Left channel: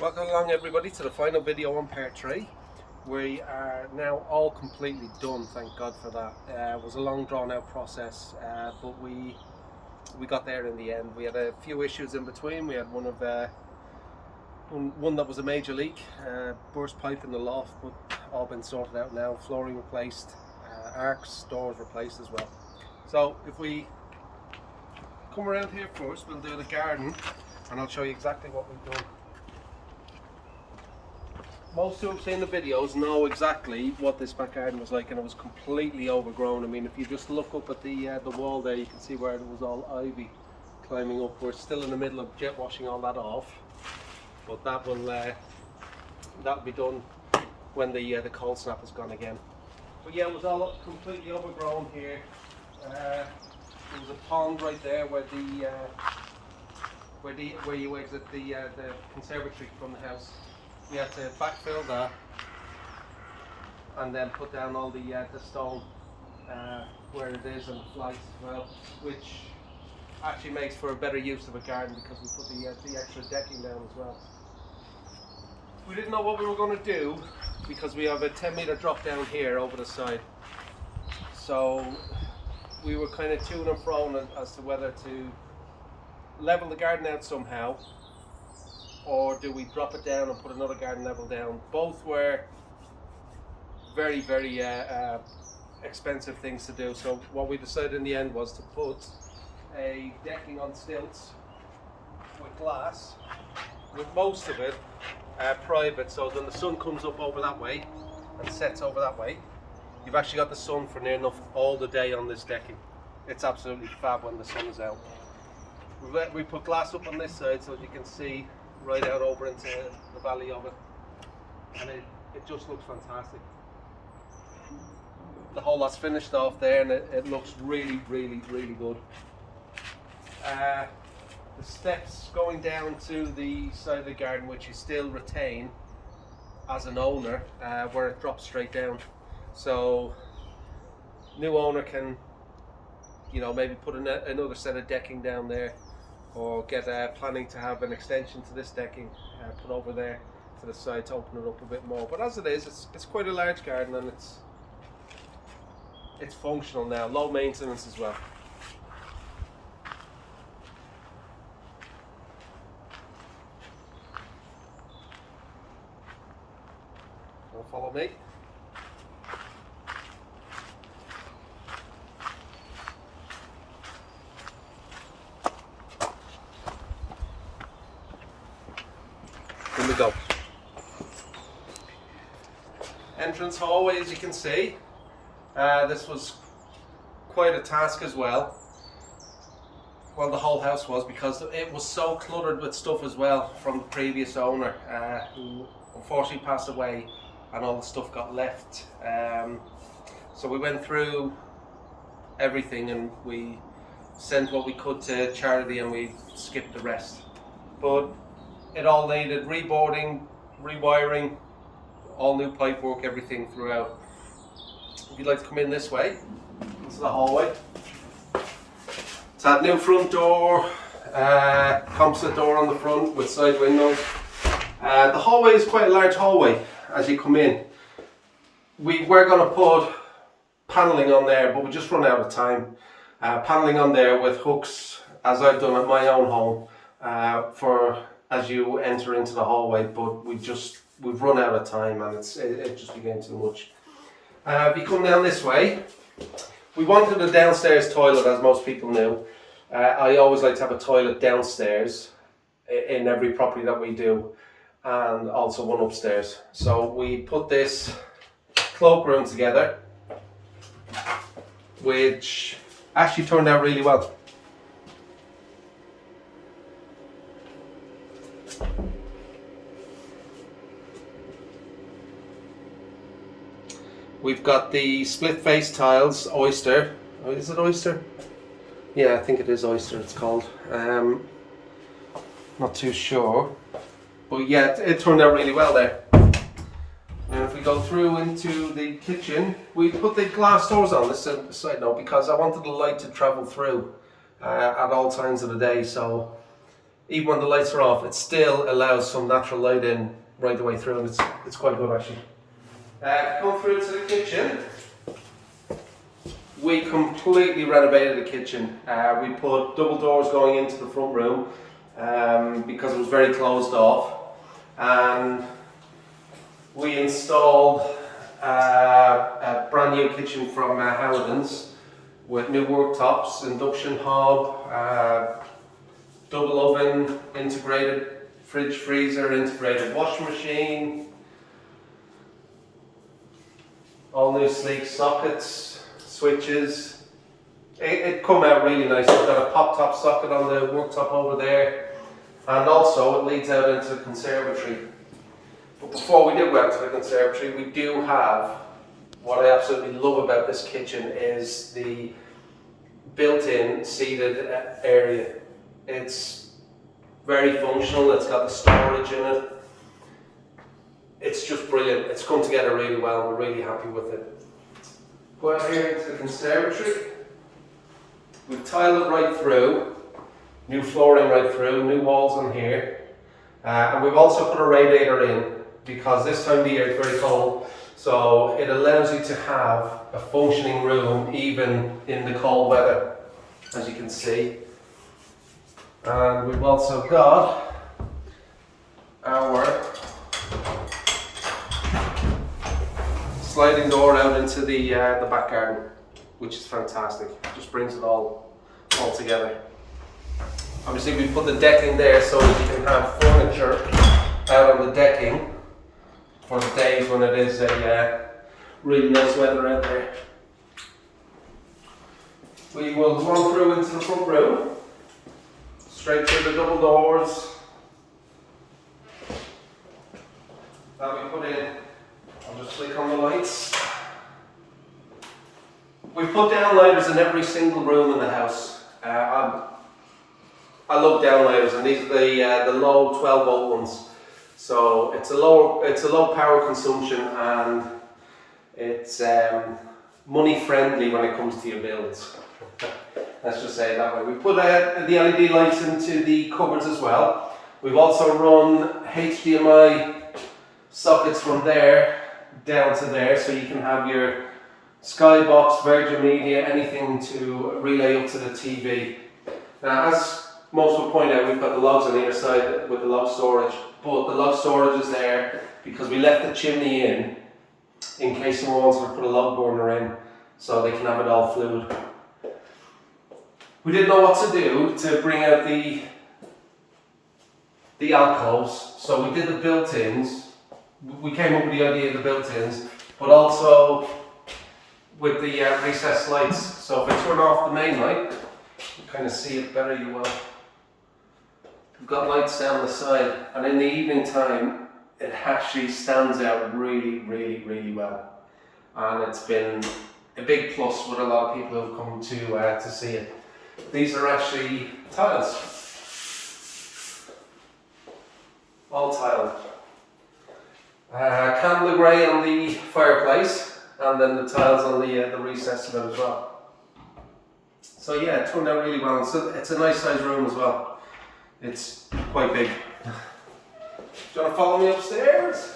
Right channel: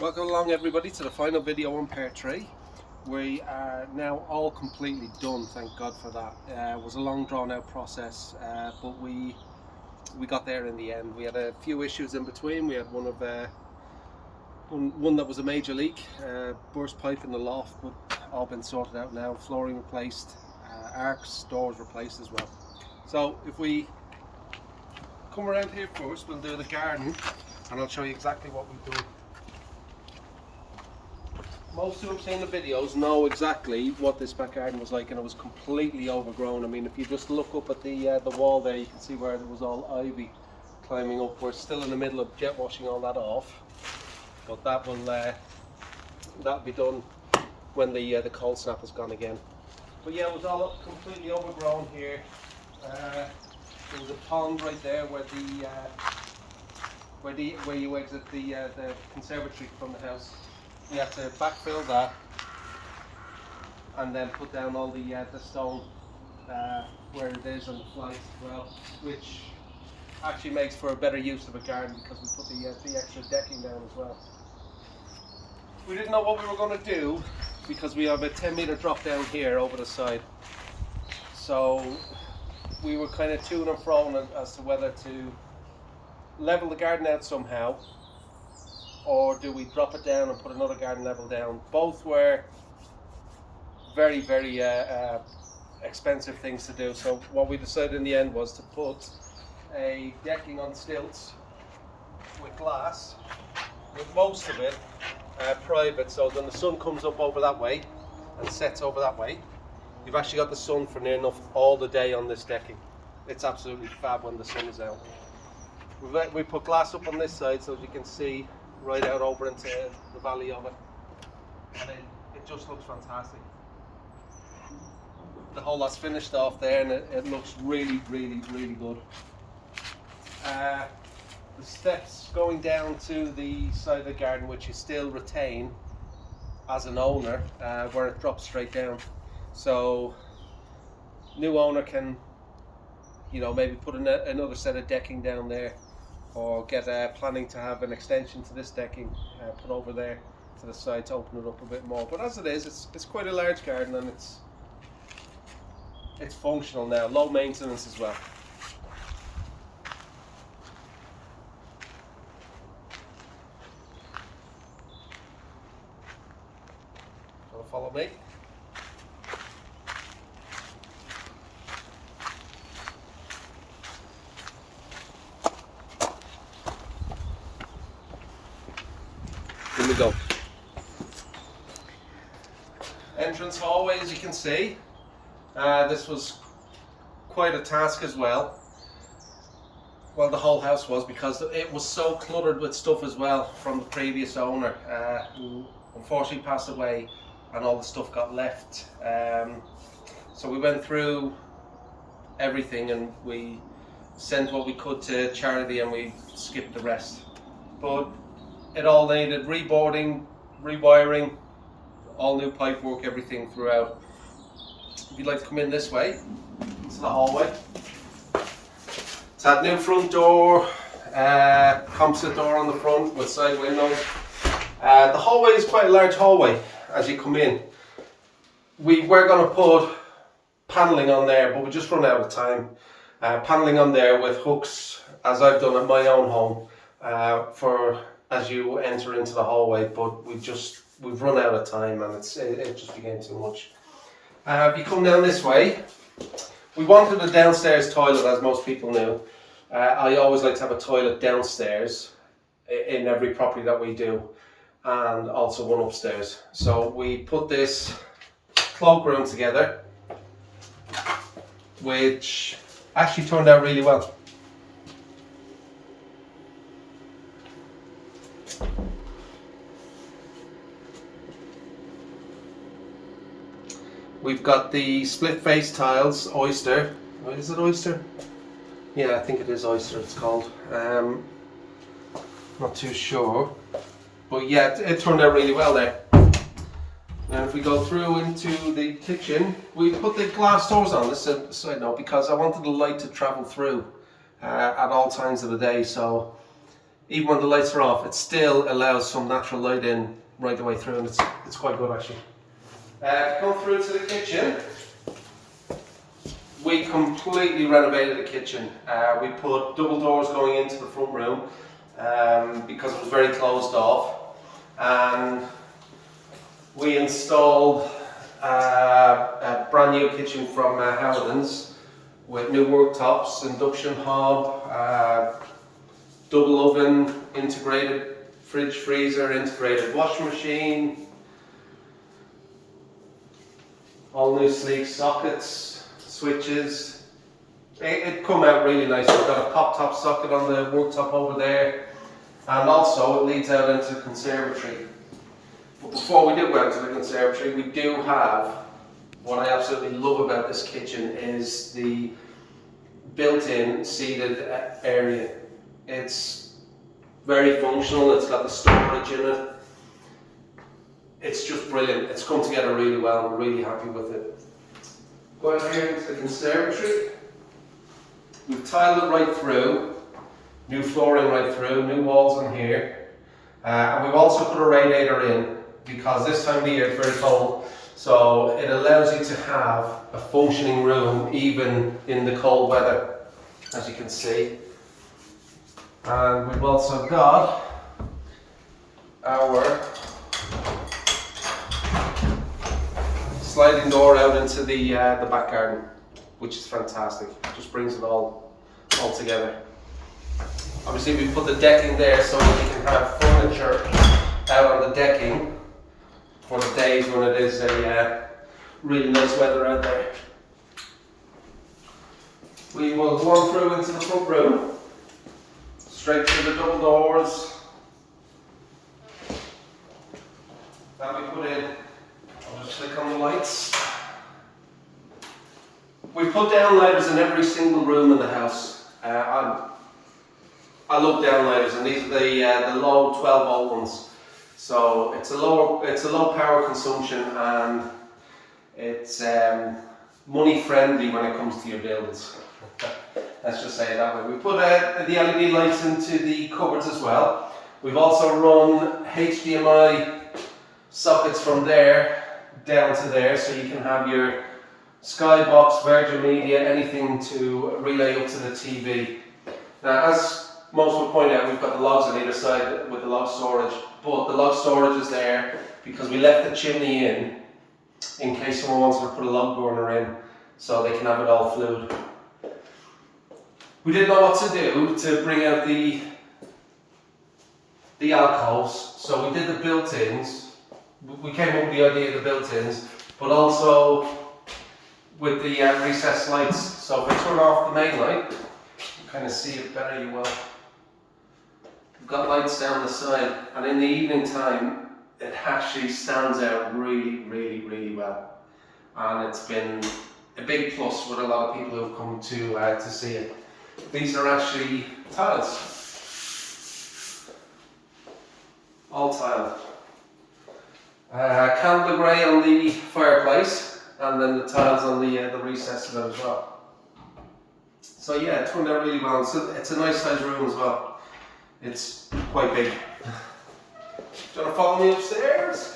Welcome along everybody to the final video on part 3. We are now all completely done, thank God for that. It was a long drawn out process, but we got there in the end. We had a few issues in between. We had one that was a major leak, burst pipe in the loft, but all been sorted out now. Flooring replaced, arcs, doors replaced as well. So if we come around here first, we'll do the garden and I'll show you exactly what we've done. Most who have seen the videos know exactly what this back garden was like, and it was completely overgrown. I mean, if you just look up at the wall there, you can see where there was all ivy climbing up. We're still in the middle of jet washing all that off, but that'll be done when the cold snap is gone again. But yeah, it was all completely overgrown here. There was a pond right there where you exit the conservatory from the house. We had to backfill that and then put down all the stone where it is and the flights as well, which actually makes for a better use of a garden because we put the extra decking down as well. We didn't know what we were going to do because we have a 10-meter drop down here over the side, so we were kind of to and fro as to whether to level the garden out somehow, or do we drop it down and put another garden level down. Both were very, very expensive things to do. So what we decided in the end was to put a decking on stilts with glass, with most of it private, so then the sun comes up over that way and sets over that way. You've actually got the sun for near enough all the day on this decking. It's absolutely fab when the sun is out. We put glass up on this side so that you can see right out over into the valley of it, and it just looks fantastic. The whole lot's finished off there and it looks really, really, really good. The steps going down to the side of the garden, which you still retain as an owner, where it drops straight down, so new owner can, maybe put another set of decking down there, or get planning to have an extension to this decking put over there to the side to open it up a bit more. But as it is, it's quite a large garden, and it's functional now, low maintenance as well. Want to follow me? Here we go. Entrance hallway, as you can see. This was quite a task as well. Well, the whole house was, because it was so cluttered with stuff as well from the previous owner, who unfortunately passed away, and all the stuff got left. So we went through everything and we sent what we could to charity and we skipped the rest. But it all needed reboarding, rewiring, all new pipework, everything throughout. If you'd like to come in this way, this is the hallway. It's had new front door, composite door on the front with side windows. The hallway is quite a large hallway as you come in. We were going to put panelling on there, but we just run out of time. Panelling on there with hooks, as I've done at my own home, for as you enter into the hallway, but we've run out of time and it just became too much. If you come down this way, we wanted a downstairs toilet, as most people knew. I always like to have a toilet downstairs in every property that we do, and also one upstairs. So we put this cloakroom together, which actually turned out really well. We've got the split face tiles, Oyster. Oh, is it Oyster? Yeah, I think it is Oyster it's called. Not too sure. But yeah, it turned out really well there. And if we go through into the kitchen, we put the glass doors on this side now because I wanted the light to travel through at all times of the day. So even when the lights are off, it still allows some natural light in right the way through, and it's quite good actually. Come through to the kitchen. We completely renovated the kitchen. We put double doors going into the front room because it was very closed off, and we installed a brand new kitchen from Howden's with new worktops, induction hob, double oven, integrated fridge freezer, integrated washing machine, all new sleek sockets, switches. It come out really nice. We've got a pop top socket on the worktop over there, and also it leads out into the conservatory. But before we do go out to the conservatory, we do have, what I absolutely love about this kitchen is the built-in seated area. It's very functional, it's got the storage in it. It's just brilliant. It's come together really well. We're really happy with it. Go out here into the conservatory. We've tiled it right through, new flooring right through, new walls on here. And we've also put a radiator in because this time of the year it's very cold. So it allows you to have a functioning room even in the cold weather, as you can see. And we've also got our sliding door out into the back garden, which is fantastic. Just brings it all together. Obviously we put the decking there so that you can have furniture out on the decking for the days when it is a really nice weather out there. We will go on through into the front room, straight through the double doors that we put in. I'll just flick on the lights. We put downlighters in every single room in the house. I love downlighters, and these are the low 12-volt ones. So it's a low power consumption, and it's money friendly when it comes to your bills. Let's just say it that way. We put the LED lights into the cupboards as well. We've also run HDMI sockets from there down to there, so you can have your Skybox, Virgin Media, anything to relay up to the TV. Now, as most will point out, we've got the logs on either side with the log storage, but the log storage is there because we left the chimney in case someone wants to put a log burner in, so they can have it all fluid. We didn't know what to do to bring out the alcoves, so we did the built-ins. We came up with the idea of the built-ins, but also with the recessed lights. So if I turn off the main light, you kind of see it better, you will. We've got lights down the side, and in the evening time, it actually stands out really, really, really well. And it's been a big plus with a lot of people who've come to see it. These are actually tiles. All tiled. Candle grey on the fireplace, and then the tiles on the recess of it as well. So yeah, it turned out really well. It's a nice sized room as well. It's quite big. Do you want to follow me upstairs?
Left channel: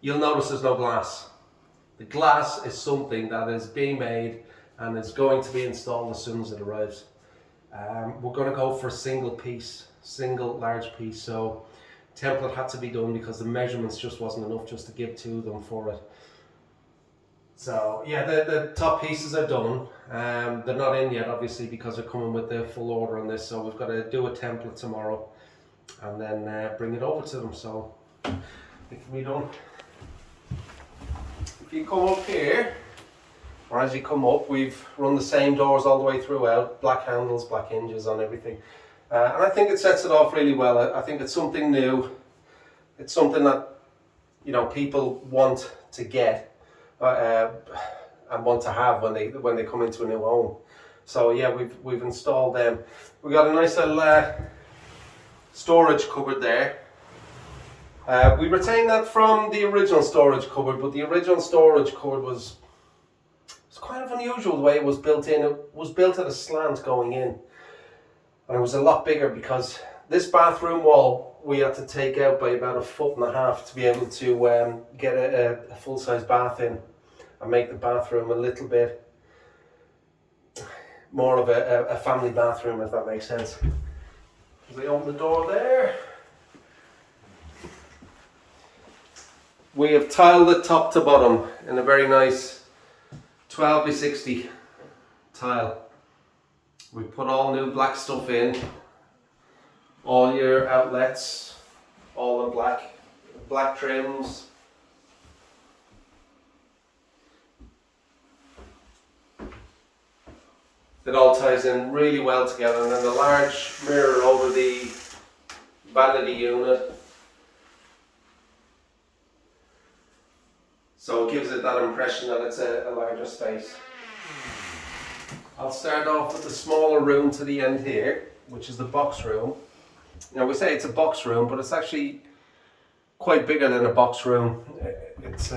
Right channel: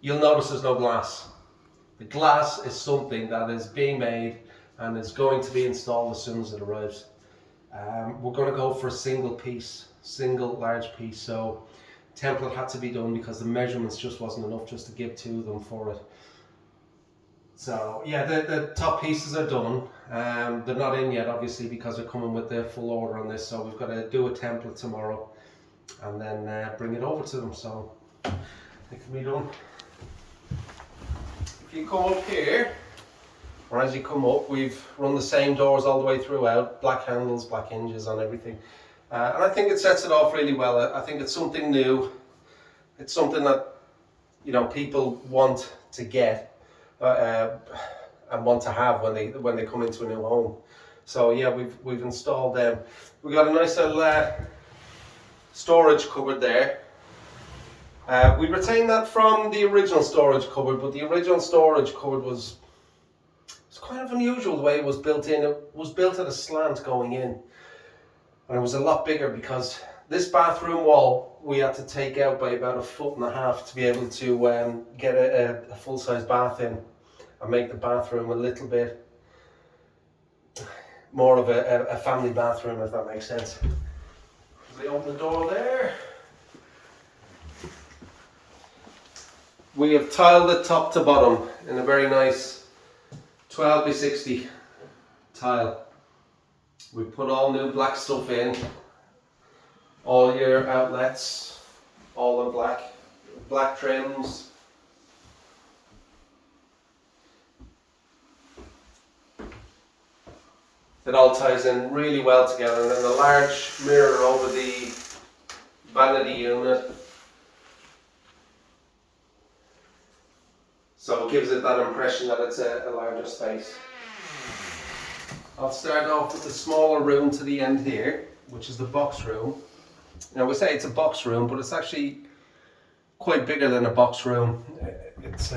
You'll notice there's no glass. The glass is something that is being made and is going to be installed as soon as it arrives. We're going to go for a single large piece. So template had to be done because the measurements just wasn't enough just to give to them for it. So yeah, the top pieces are done. They're not in yet, obviously, because they're coming with the full order on this. So we've got to do a template tomorrow and then bring it over to them. So it can be done. If you come up here, or as you come up, we've run the same doors all the way throughout, black handles, black hinges on everything. And I think it sets it off really well. I think it's something new. It's something that, you know, people want to get and want to have when they come into a new home. So yeah, we've installed them. We got a nice little storage cupboard there. We retained that from the original storage cupboard, but the original storage cupboard was it's kind of unusual the way it was built in. It was built at a slant going in, and it was a lot bigger because this bathroom wall we had to take out by about 1.5 feet to be able to get a full-size bath in and make the bathroom a little bit more of a family bathroom, if that makes sense. As I open the door there, we have tiled it top to bottom in a very nice 12 by 60 tile. We put all new black stuff in, all your outlets, all the black trims. It all ties in really well together, and then the large mirror over the vanity unit, so it gives it that impression that it's a larger space. I'll start off with the smaller room to the end here, which is the box room. Now we say it's a box room, but it's actually quite bigger than a box room. It's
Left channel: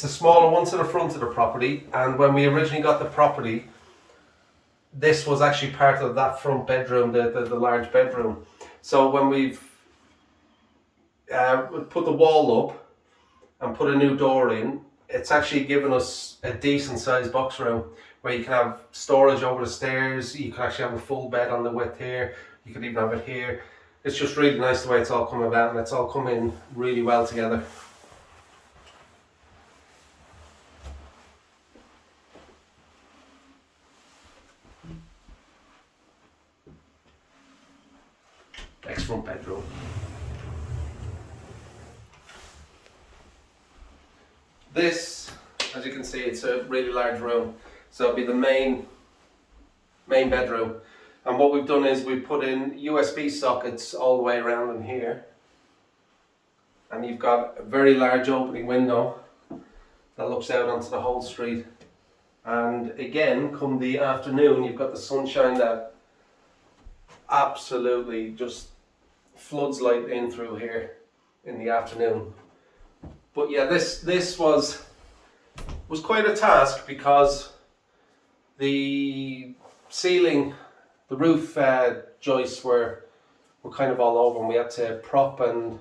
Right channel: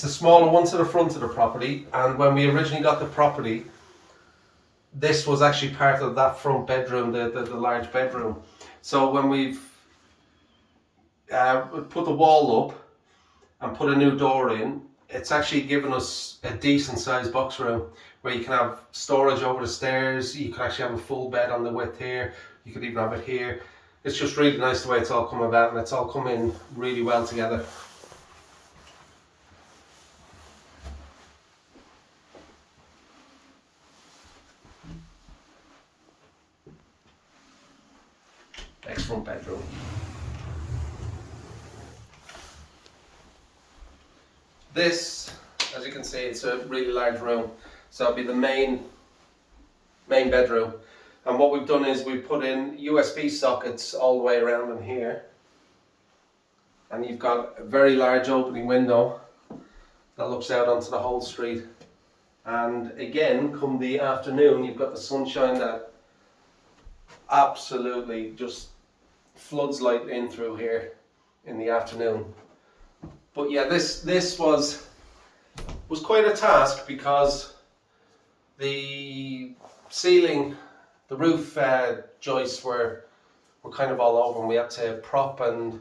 the smaller one to the front of the property, and when we originally got the property, this was actually part of that front bedroom, the large bedroom. So when we've put the wall up and put a new door in, it's actually given us a decent sized box room where you can have storage over the stairs. You can actually have a full bed on the width here. You could even have it here. It's just really nice the way it's all come about, and it's all come in really well together. Next front bedroom. This, as you can see, it's a really large room, so it'll be the main bedroom. And what we've done is we've put in USB sockets all the way around in here, and you've got a very large opening window that looks out onto the whole street. And again, come the afternoon, you've got the sunshine that absolutely just floods light in through here in the afternoon. But yeah, this was quite a task because the ceiling, the roof joists were kind of all over, and we had to prop and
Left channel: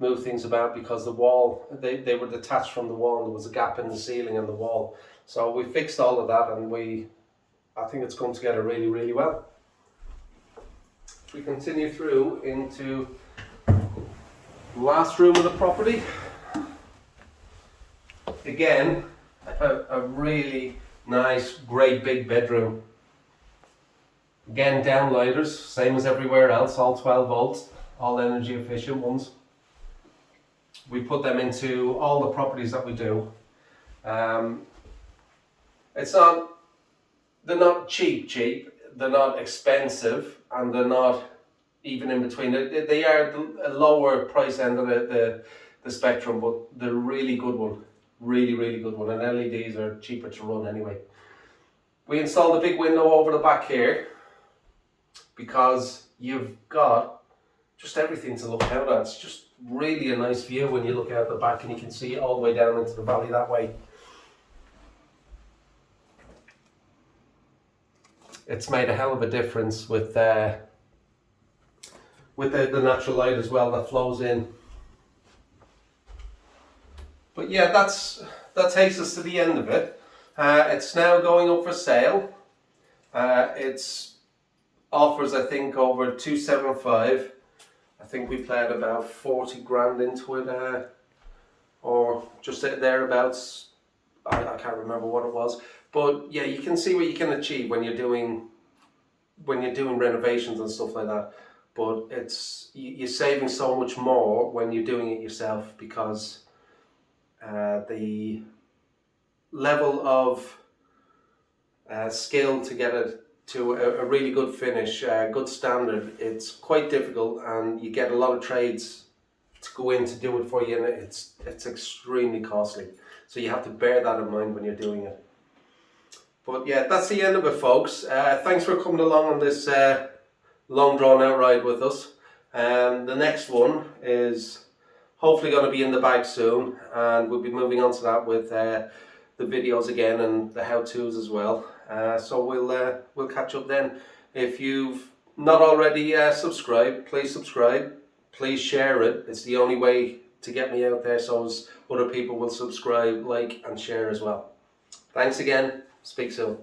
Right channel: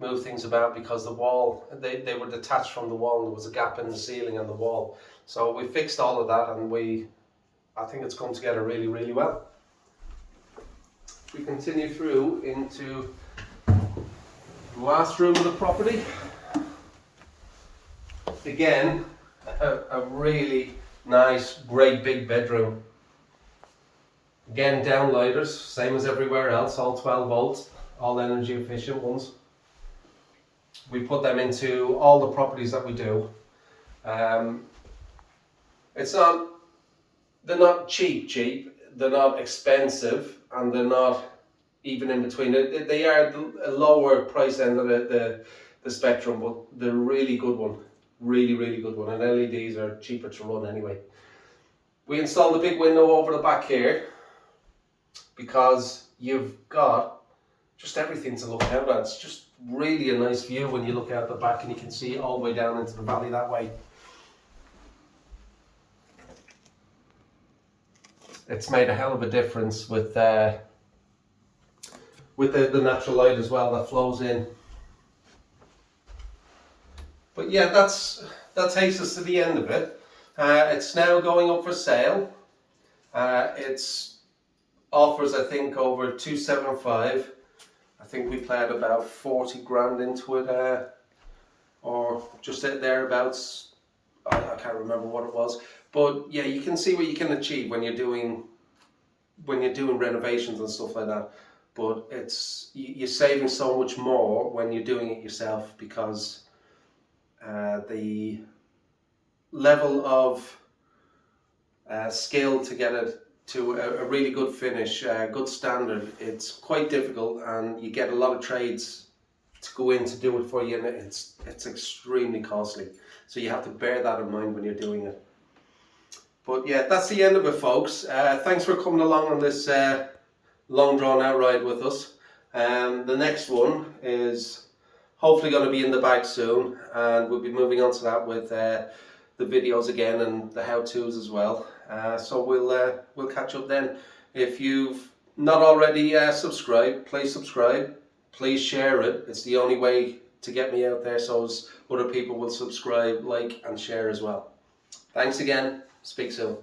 move things about because the wall, they were detached from the wall, and there was a gap in the ceiling and the wall. So we fixed all of that, and I think it's come together really, really well. We continue through into the last room of the property. Again, a really nice, great big bedroom. Again, downlighters, same as everywhere else, all 12 volts, all energy efficient ones. We put them into all the properties that we do. They're not cheap, they're not expensive, and they're not even in between. They are a lower price end of the spectrum, but they're a really good one. Really, really good one. And LEDs are cheaper to run anyway. We installed a big window over the back here because you've got just everything to look out at. It's just really a nice view when you look out the back, and you can see all the way down into the valley that way. It's made a hell of a difference with the natural light as well that flows in. But yeah, that takes us to the end of it. It's now going up for sale. It's offers, I think, over 275. I think we played about 40 grand into it, or just thereabouts. I can't remember what it was. But yeah, you can see what you can achieve when you're doing renovations and stuff like that. But you're saving so much more when you're doing it yourself, because the level of skill to get it to a really good finish, good standard, it's quite difficult, and you get a lot of trades to go in to do it for you, and it's extremely costly. So you have to bear that in mind when you're doing it. But yeah, that's the end of it, folks. Thanks for coming along on this long drawn out ride with us. The next one is hopefully going to be in the bag soon, and we'll be moving on to that with the videos again and the how-tos as well. So we'll catch up then. If you've not already subscribed, please subscribe. Please share it. It's the only way to get me out there, so as other people will subscribe, like, and share as well. Thanks again. Speak soon.